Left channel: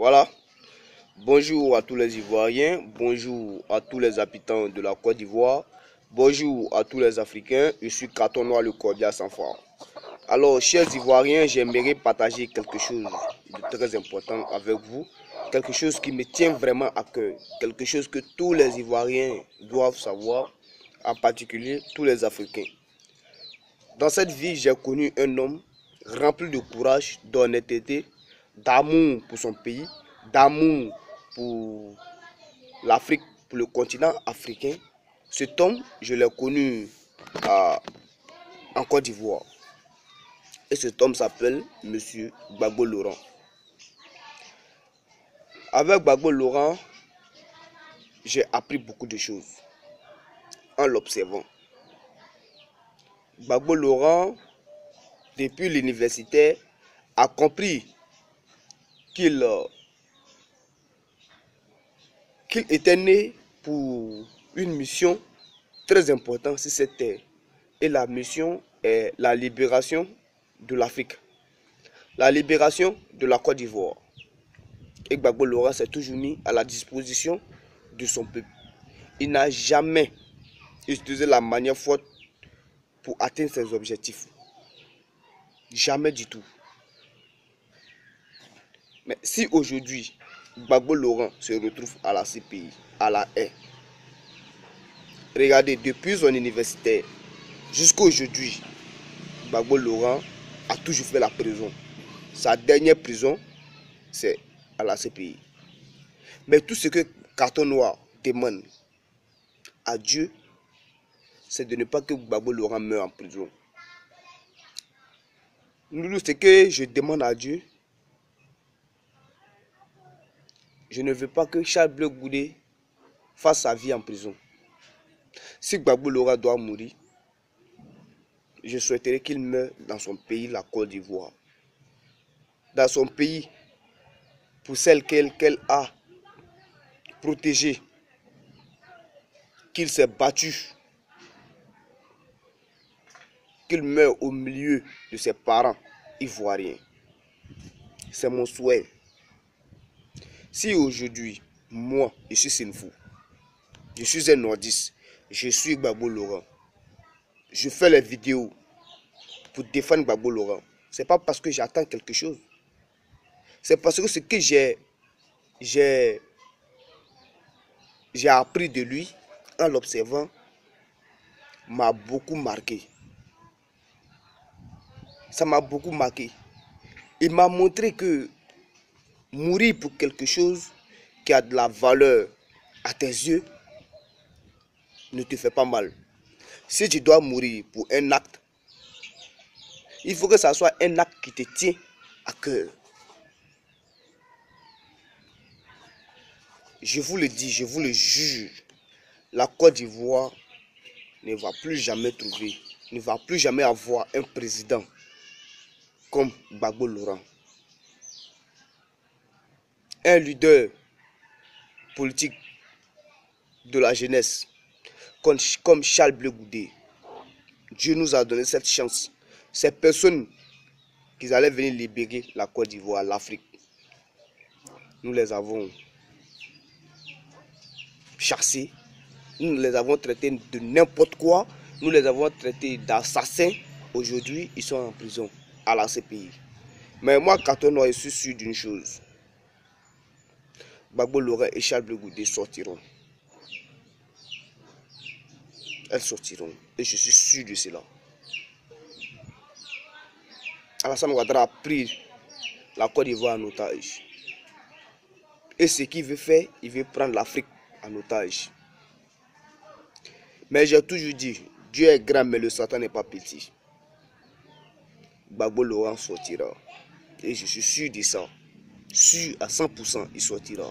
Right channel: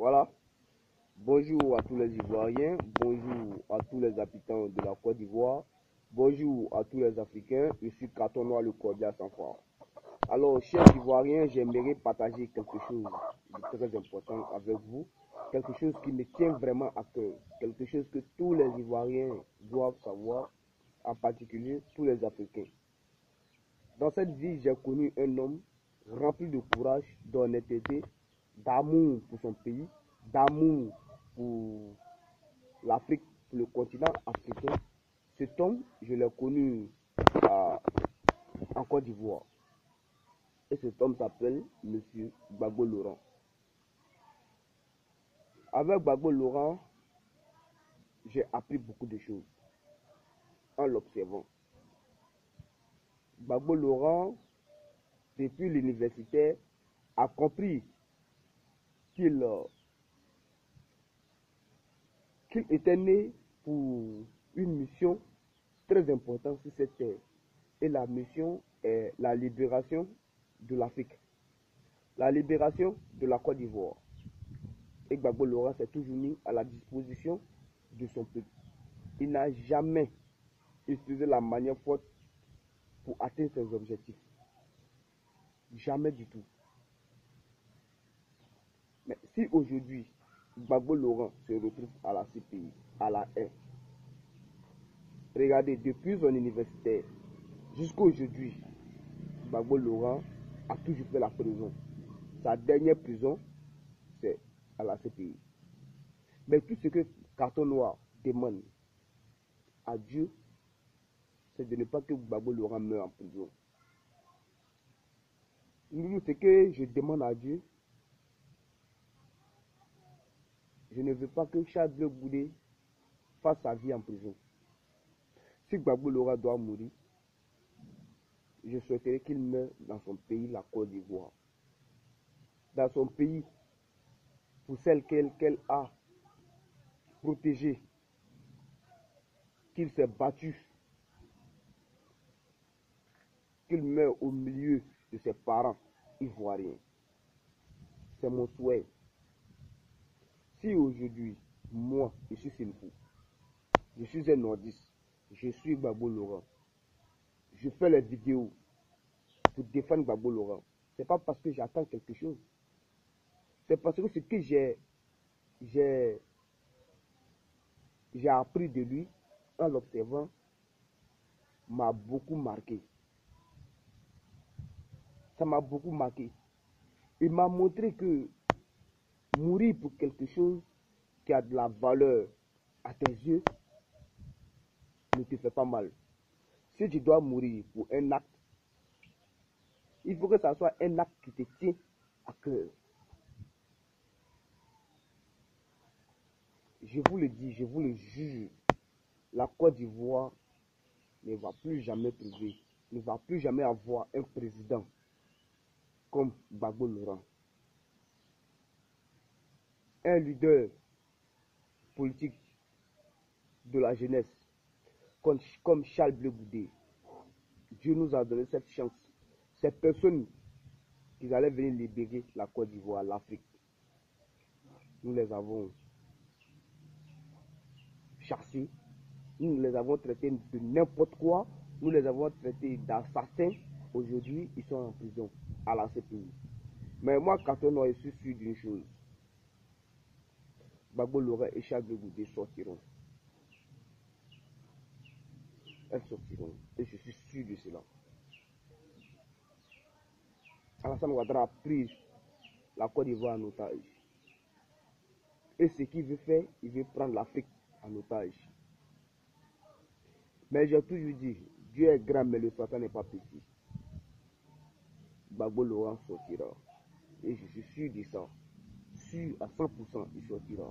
Voilà. Bonjour à tous les Ivoiriens, bonjour à tous les habitants de la Côte d'Ivoire, bonjour à tous les Africains. Je suis Carton Noir, le cordial sans foi. Alors, chers Ivoiriens, j'aimerais partager quelque chose de très important avec vous, quelque chose qui me tient vraiment à cœur, quelque chose que tous les Ivoiriens doivent savoir, en particulier tous les Africains. Dans cette vie, j'ai connu un homme rempli de courage, d'honnêteté, d'amour pour son pays, d'amour pour l'Afrique, pour le continent africain. Cet homme, je l'ai connu en Côte d'Ivoire. Et cet homme s'appelle Monsieur Gbagbo Laurent. Avec Gbagbo Laurent, j'ai appris beaucoup de choses en l'observant. Gbagbo Laurent, depuis l'université, a compris qu'il était né pour une mission très importante sur cette terre. Et la mission est la libération de l'Afrique, la libération de la Côte d'Ivoire. Et Gbagbo Laurent s'est toujours mis à la disposition de son peuple. Il n'a jamais utilisé la manière forte pour atteindre ses objectifs. Jamais du tout. Mais si aujourd'hui, Gbagbo Laurent se retrouve à la CPI, à la haie, regardez, depuis son universitaire jusqu'à aujourd'hui, Gbagbo Laurent a toujours fait la prison. Sa dernière prison, c'est à la CPI. Mais tout ce que Carton Noir demande à Dieu, c'est de ne pas que Gbagbo Laurent meure en prison. Ce que je demande à Dieu, je ne veux pas que Charles Blé Goudé fasse sa vie en prison. Si Gbagbo Laurent doit mourir, je souhaiterais qu'il meure dans son pays, la Côte d'Ivoire. Dans son pays, pour celle qu'elle a protégée, qu'il s'est battu, qu'il meure au milieu de ses parents ivoiriens. C'est mon souhait. Si aujourd'hui, moi, je suis Sinfou, je suis un nordiste, je suis Gbagbo Laurent, je fais les vidéos pour défendre Gbagbo Laurent, c'est pas parce que j'attends quelque chose. C'est parce que ce que j'ai appris de lui en l'observant m'a beaucoup marqué. Ça m'a beaucoup marqué. Il m'a montré que mourir pour quelque chose qui a de la valeur à tes yeux ne te fait pas mal. Si tu dois mourir pour un acte, il faut que ça soit un acte qui te tient à cœur. Je vous le dis, je vous le jure, la Côte d'Ivoire ne va plus jamais trouver, ne va plus jamais avoir un président comme Gbagbo Laurent. Un leader politique de la jeunesse comme Charles Blé Goudé. Dieu nous a donné cette chance. Ces personnes qui allaient venir libérer la Côte d'Ivoire, l'Afrique, nous les avons chassés, nous les avons traités de n'importe quoi, nous les avons traités d'assassins. Aujourd'hui, ils sont en prison à la CPI. Mais moi, Carton Noir, je suis sûr d'une chose. Gbagbo Laurent et Charles Blé Goudé sortiront. Elles sortiront. Et je suis sûr de cela. Alassane Ouattara a pris la Côte d'Ivoire en otage. Et ce qu'il veut faire, il veut prendre l'Afrique en otage. Mais j'ai toujours dit, Dieu est grand, mais le Satan n'est pas petit. Gbagbo Laurent sortira. Et je suis sûr de ça. Sûr à 100%, il sortira.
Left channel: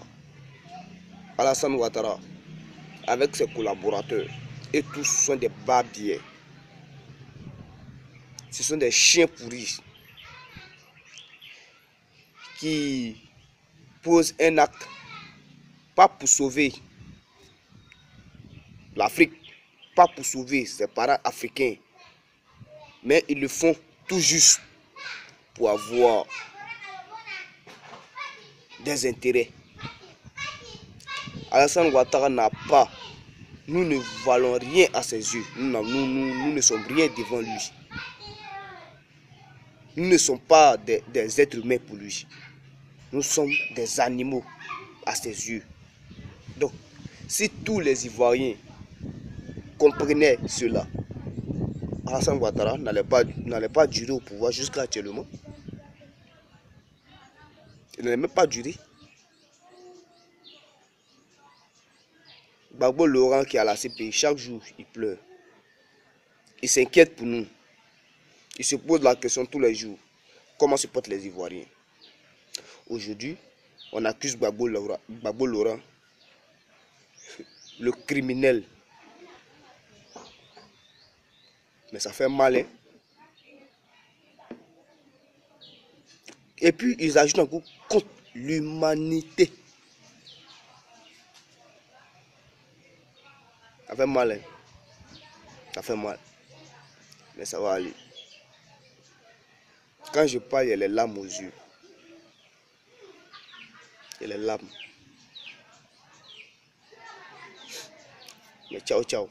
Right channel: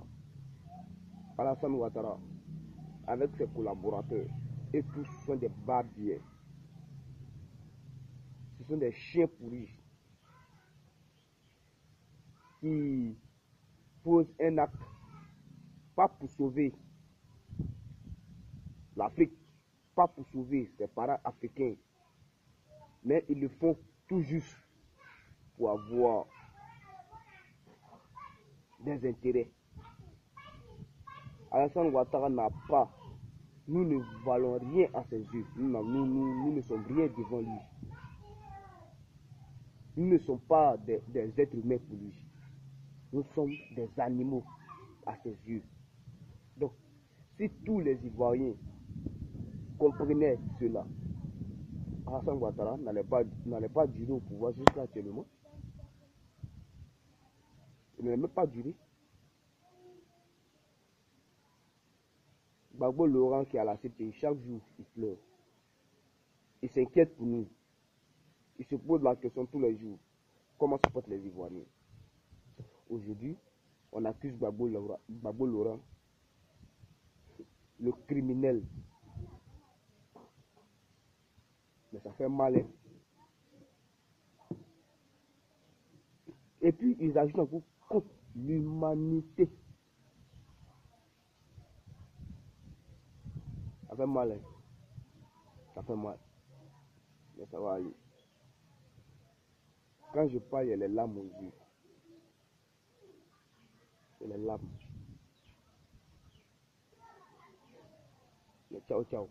Alassane Ouattara, avec ses collaborateurs, et tous sont des barbiers. Ce sont des chiens pourris qui posent un acte, pas pour sauver l'Afrique, pas pour sauver ses parents africains, mais ils le font tout juste pour avoir des intérêts. Alassane Ouattara n'a pas, nous ne valons rien à ses yeux, nous ne sommes rien devant lui. Nous ne sommes pas des êtres humains pour lui. Nous sommes des animaux à ses yeux. Donc, si tous les Ivoiriens comprenaient cela, Alassane Ouattara n'allait pas durer au pouvoir jusqu'à actuellement. Il n'allait même pas durer. Gbagbo Laurent qui est à la CPI, chaque jour, il pleure. Il s'inquiète pour nous. Il se pose la question tous les jours. Comment se portent les Ivoiriens? Aujourd'hui, on accuse Gbagbo Laurent, le criminel. Mais ça fait mal, hein? Et puis, ils ajoutent encore contre l'humanité. Ça fait mal, hein? Ça fait mal. Mais ça va aller. Quand je parle, il y a les larmes aux yeux. Il y a les larmes. Mais ciao, ciao.